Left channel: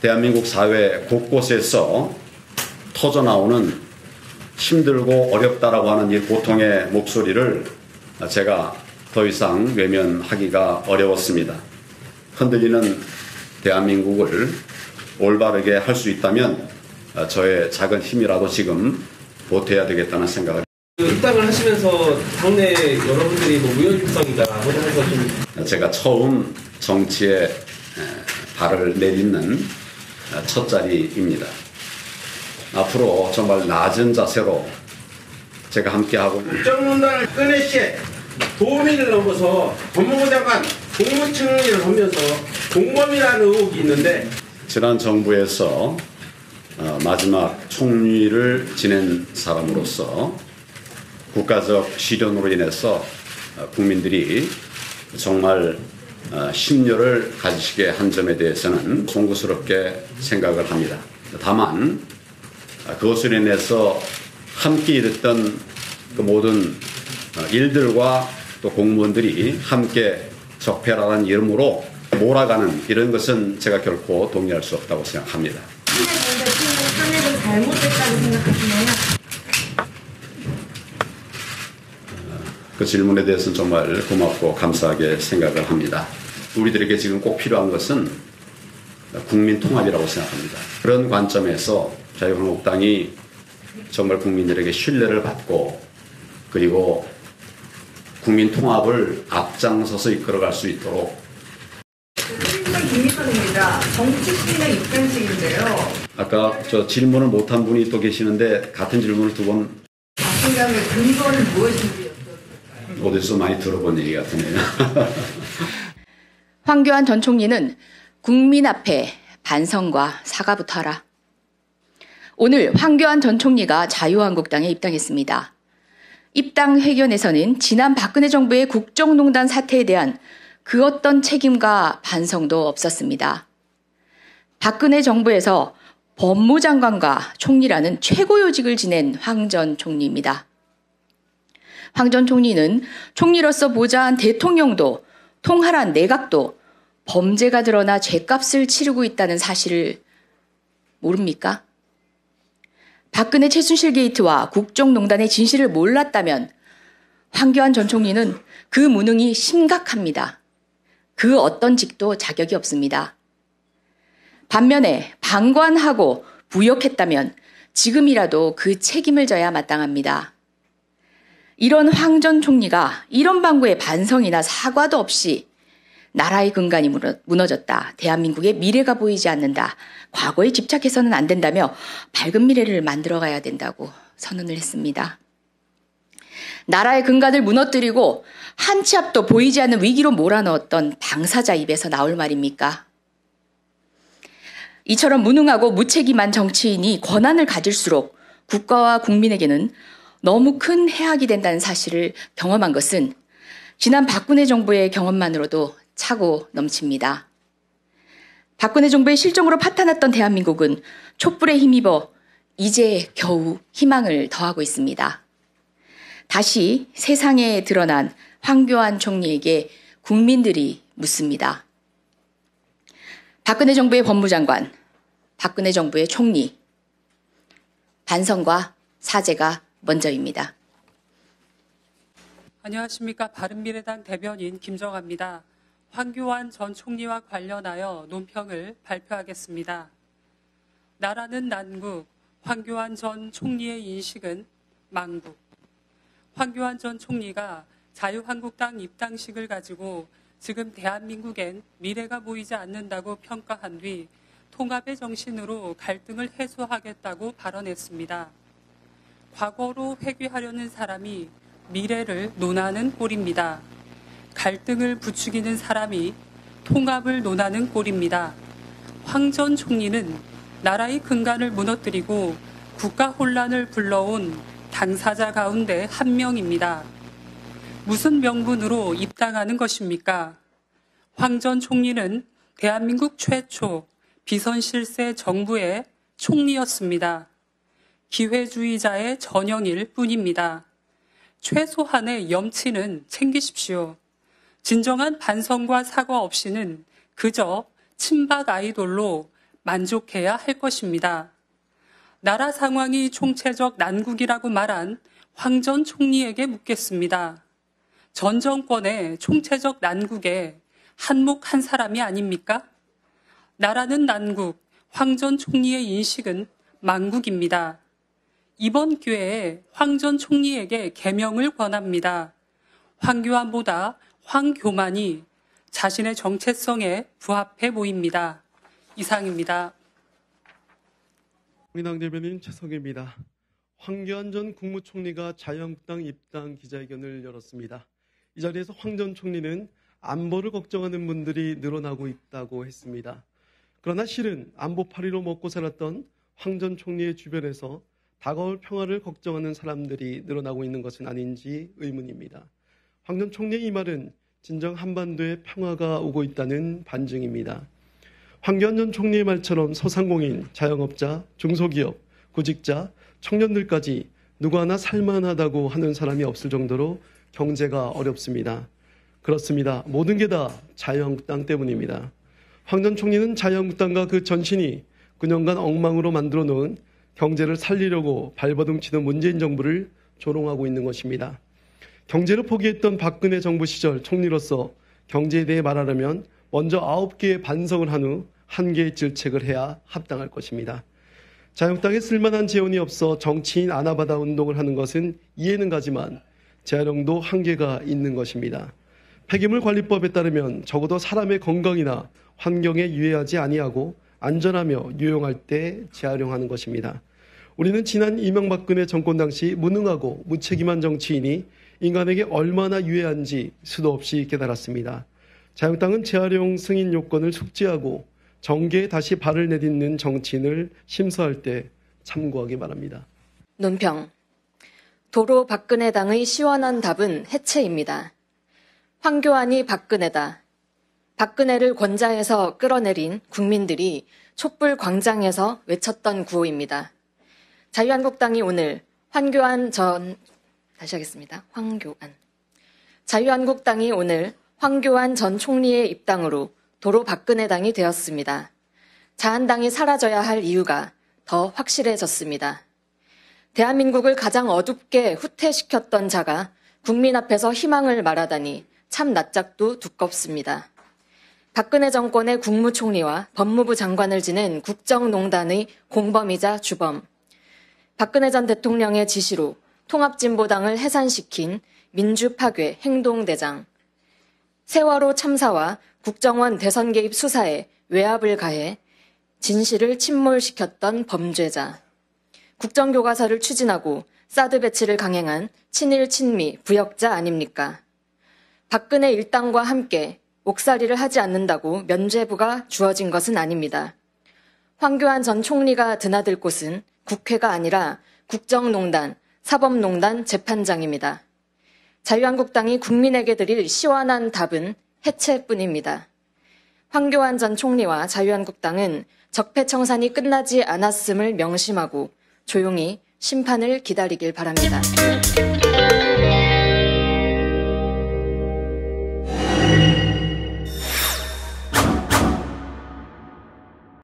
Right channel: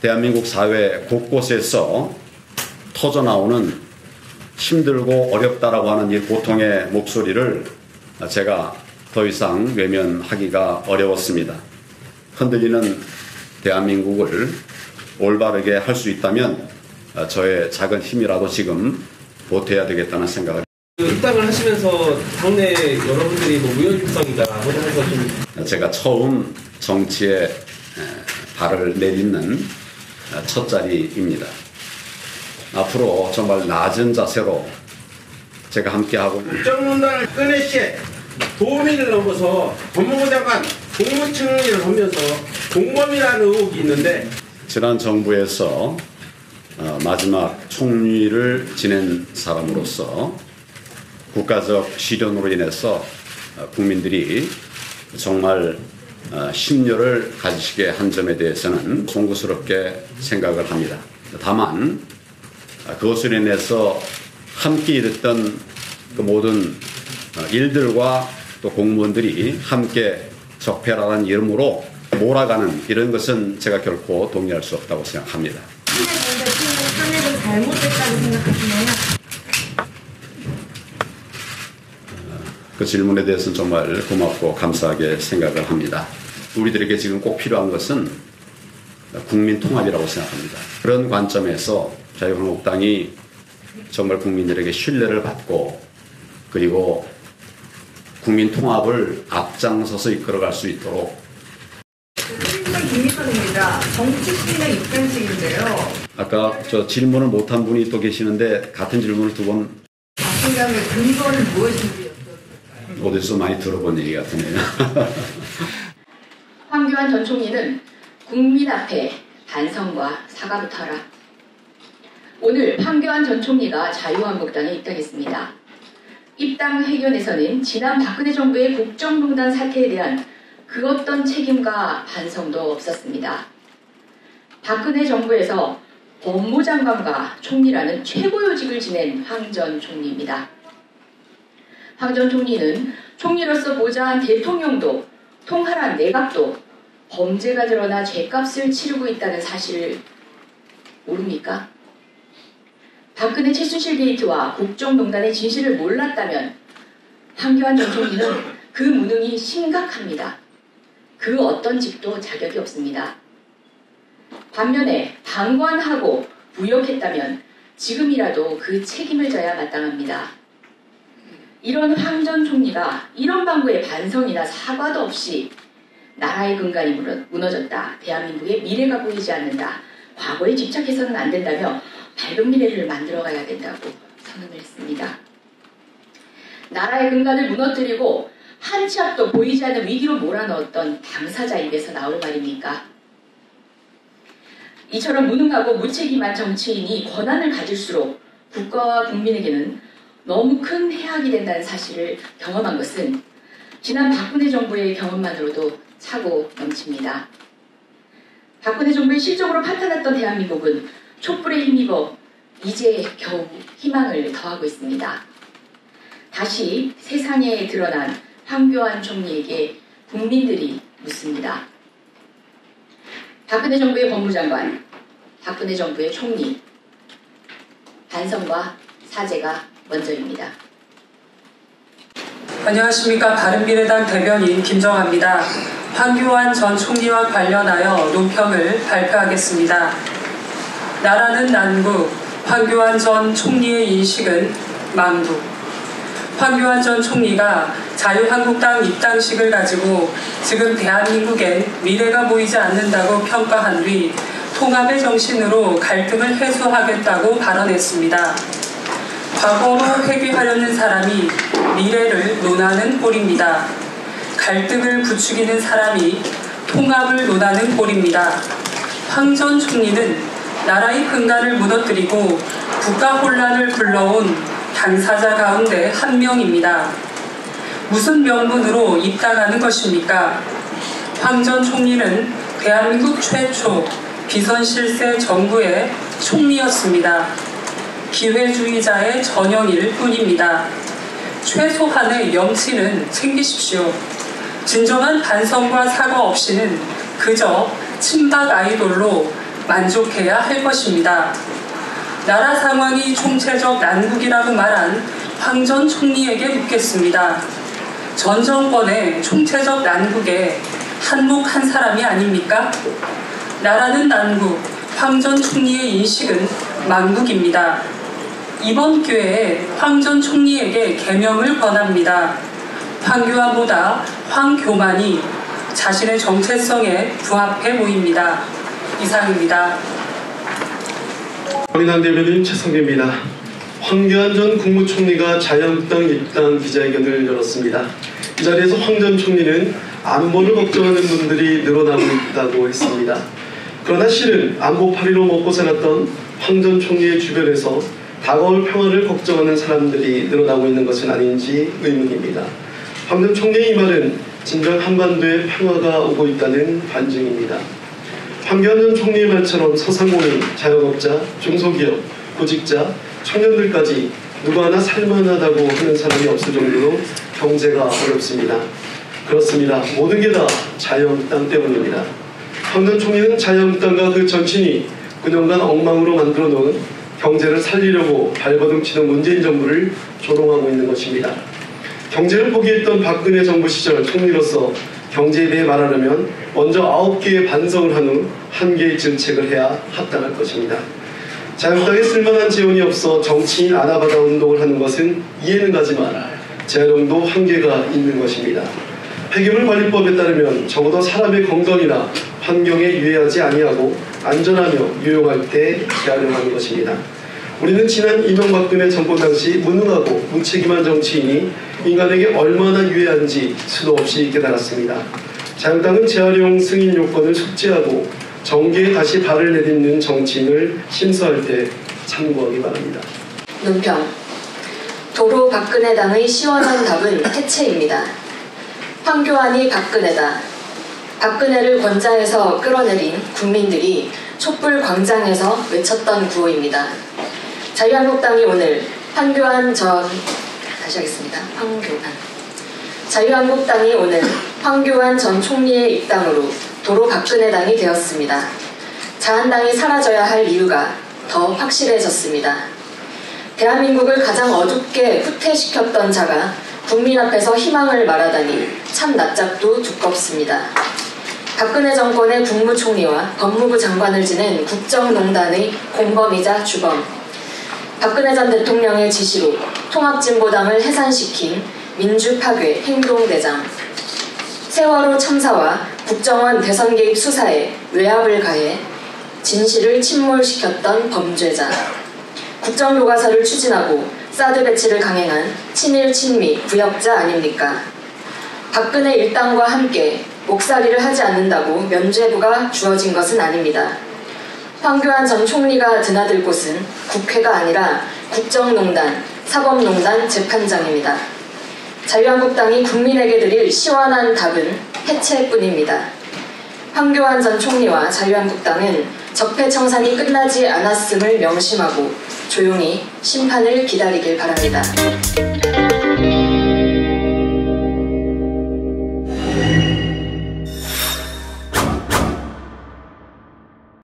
대한민국 사회 곳곳에서 터져나오는 힘들고 어렵다라고 하는 이 고통의 목소리를 제가 더 이상 외면하기가 어려웠습니다. 흔들리는 대한민국을 올바르게 할 수 있다면 저의 작은 힘이라도 지금 보태야 되겠다는 생각을. 입당을 하시면서 당내 여러분들이 무연입성이다 해서 좀 제가 처음 정치에 발을 내딛는 첫 자리입니다. 앞으로 정말 낮은 자세로 제가 함께하고 국정농단을 꺼내시에 도민을 넘어서 법무부 장관 국무총리를 하면서 공범이라는 의혹이 있는데 지난 정부에서 마지막 총리를 지낸 사람으로서 국가적 시련으로 인해서 국민들이 정말 심려를 가지시게 한 점에 대해서는 송구스럽게 생각을 합니다. 다만 그것으로 인해서 함께 일했던 그 모든 일들과 또 공무원들이 함께 적폐라는 이름으로 몰아가는 이런 것은 제가 결코 동의할 수 없다고 생각합니다. 탄핵은 잘못됐다고 생각하시나요? 그 질문에 대해서는 정말 고맙고 감사하게 생각을 합니다. 우리들에게 지금 꼭 필요한 것은 국민 통합이라고 생각합니다. 그런 관점에서 자유한국당이 정말 국민들에게 신뢰를 받고 그리고 국민 통합을 앞장서서 이끌어갈 수 있도록. 김미선입니다. 정치신의 입장식인데요. 아까 저 질문을 못한 분이 또 계시는데 같은 질문을 두 번. 박진감의 근거는 무엇인지 어디서 많이 들어본 얘기 같으네요. 황교안 전 총리는 국민 앞에 반성과 사과부터 하라. 오늘 황교안 전 총리가 자유한국당에 입당했습니다. 입당 회견에서는 지난 박근혜 정부의 국정농단 사태에 대한 그 어떤 책임과 반성도 없었습니다. 박근혜 정부에서 법무장관과 총리라는 최고 요직을 지낸 황 전 총리입니다. 황 전 총리는 총리로서 보좌한 대통령도 통할한 내각도 범죄가 드러나 죗값을 치르고 있다는 사실을 모릅니까? 박근혜 최순실 게이트와 국정농단의 진실을 몰랐다면 황교안 전 총리는 그 무능이 심각합니다. 그 어떤 직도 자격이 없습니다. 반면에 방관하고 부역했다면 지금이라도 그 책임을 져야 마땅합니다. 이런 황 전 총리가 이런 방구의 반성이나 사과도 없이 나라의 근간이 무너졌다. 대한민국의 미래가 보이지 않는다. 과거에 집착해서는 안 된다며 밝은 미래를 만들어가야 된다고 선언을 했습니다. 나라의 근간을 무너뜨리고 한 치 앞도 보이지 않는 위기로 몰아넣었던 당사자 입에서 나올 말입니까? 이처럼 무능하고 무책임한 정치인이 권한을 가질수록 국가와 국민에게는 너무 큰 해악이 된다는 사실을 경험한 것은 지난 박근혜 정부의 경험만으로도 차고 넘칩니다. 박근혜 정부의 실정으로 파탄났던 대한민국은 촛불에 힘입어 이제 겨우 희망을 더하고 있습니다. 다시 세상에 드러난 황교안 총리에게 국민들이 묻습니다. 박근혜 정부의 법무장관, 박근혜 정부의 총리, 반성과 사죄가 먼저입니다. 안녕하십니까. 바른미래당 대변인 김정아입니다. 황교안 전 총리와 관련하여 논평을 발표하겠습니다. 나라는 난국, 황교안 전 총리의 인식은 망국. 황교안 전 총리가 자유한국당 입당식을 가지고 지금 대한민국엔 미래가 보이지 않는다고 평가한 뒤 통합의 정신으로 갈등을 해소하겠다고 발언했습니다. 과거로 회귀하려는 사람이 미래를 논하는 꼴입니다. 갈등을 부추기는 사람이 통합을 논하는 꼴입니다. 황 전 총리는 나라의 근간을 무너뜨리고 국가 혼란을 불러온 당사자 가운데 한 명입니다. 무슨 명분으로 입당하는 것입니까? 황 전 총리는 대한민국 최초 비선실세 정부의 총리였습니다. 기회주의자의 전형일 뿐입니다. 최소한의 염치는 챙기십시오. 진정한 반성과 사과 없이는 그저 친박 아이돌로 만족해야 할 것입니다. 나라 상황이 총체적 난국이라고 말한 황 전 총리에게 묻겠습니다. 전 정권의 총체적 난국에 한몫한 사람이 아닙니까? 나라는 난국, 황 전 총리의 인식은 만국입니다. 이번 기회에 황 전 총리에게 계명을 권합니다. 황교안보다 황교만이 자신의 정체성에 부합해 보입니다. 이상입니다. 황인환 대변인 최성규입니다. 황교안 전 국무총리가 자유한국당 입당 기자회견을 열었습니다. 이 자리에서 황 전 총리는 안보를 걱정하는 분들이 늘어나고 있다고 했습니다. 그러나 실은 안보 파리로 먹고 살았던 황 전 총리의 주변에서 다가올 평화를 걱정하는 사람들이 늘어나고 있는 것은 아닌지 의문입니다. 황 전 총리의 이 말은 진정 한반도에 평화가 오고 있다는 반증입니다. 황교안 전 총리의 말처럼 소상공인, 자영업자, 중소기업, 구직자, 청년들까지 누구 하나 살만하다고 하는 사람이 없을 정도로 경제가 어렵습니다. 그렇습니다. 모든 게 다 자유한국당 때문입니다. 황 전 총리는 자유한국당과 그 전신이 9년간 엉망으로 만들어 놓은 경제를 살리려고 발버둥치는 문재인 정부를 조롱하고 있는 것입니다. 경제를 포기했던 박근혜 정부 시절 총리로서 경제에 대해 말하려면 먼저 9개의 반성을 한 후 1개의 정책을 해야 합당할 것입니다. 자유한국당에 쓸만한 재원이 없어 정치인 아나바다 운동을 하는 것은 이해는 가지만 재활용도 한계가 있는 것입니다. 폐기물 관리법에 따르면 적어도 사람의 건강이나 환경에 유해하지 아니하고 안전하며 유용할 때 재활용하는 것입니다. 우리는 지난 이명박근혜 정부 당시 무능하고 무책임한 정치인이 인간에게 얼마나 유해한지 수도 없이 깨달았습니다. 자유한국당은 재활용 승인 요건을 숙지하고 정계에 다시 발을 내딛는 정치인을 심사할 때 참고하기 바랍니다. 논평. 도로 박근혜당의 시원한 답은 해체입니다. 황교안이 박근혜다. 박근혜를 권장해서 끌어내린 국민들이 촛불 광장에서 외쳤던 구호입니다. 자유한국당이 오늘 자유한국당이 오늘 황교안 전 총리의 입당으로 도로 박근혜당이 되었습니다. 자한당이 사라져야 할 이유가 더 확실해졌습니다. 대한민국을 가장 어둡게 후퇴시켰던 자가 국민 앞에서 희망을 말하다니 참 낯짝도 두껍습니다. 박근혜 정권의 국무총리와 법무부 장관을 지낸 국정농단의 공범이자 주범, 박근혜 전 대통령의 지시로 통합진보당을 해산시킨 민주파괴 행동대장, 세월호 참사와 국정원 대선 개입 수사에 외압을 가해 진실을 침몰시켰던 범죄자, 국정교과서를 추진하고 사드 배치를 강행한 친일 친미 구역자 아닙니까? 박근혜 일당과 함께 목살이를 하지 않는다고 면죄부가 주어진 것은 아닙니다. 황교안 전 총리가 드나들 곳은 국회가 아니라 국정농단, 사법농단 재판장입니다. 자유한국당이 국민에게 드릴 시원한 답은 해체뿐입니다. 황교안 전 총리와 자유한국당은 적폐청산이 끝나지 않았음을 명심하고 조용히 심판을 기다리길 바랍니다.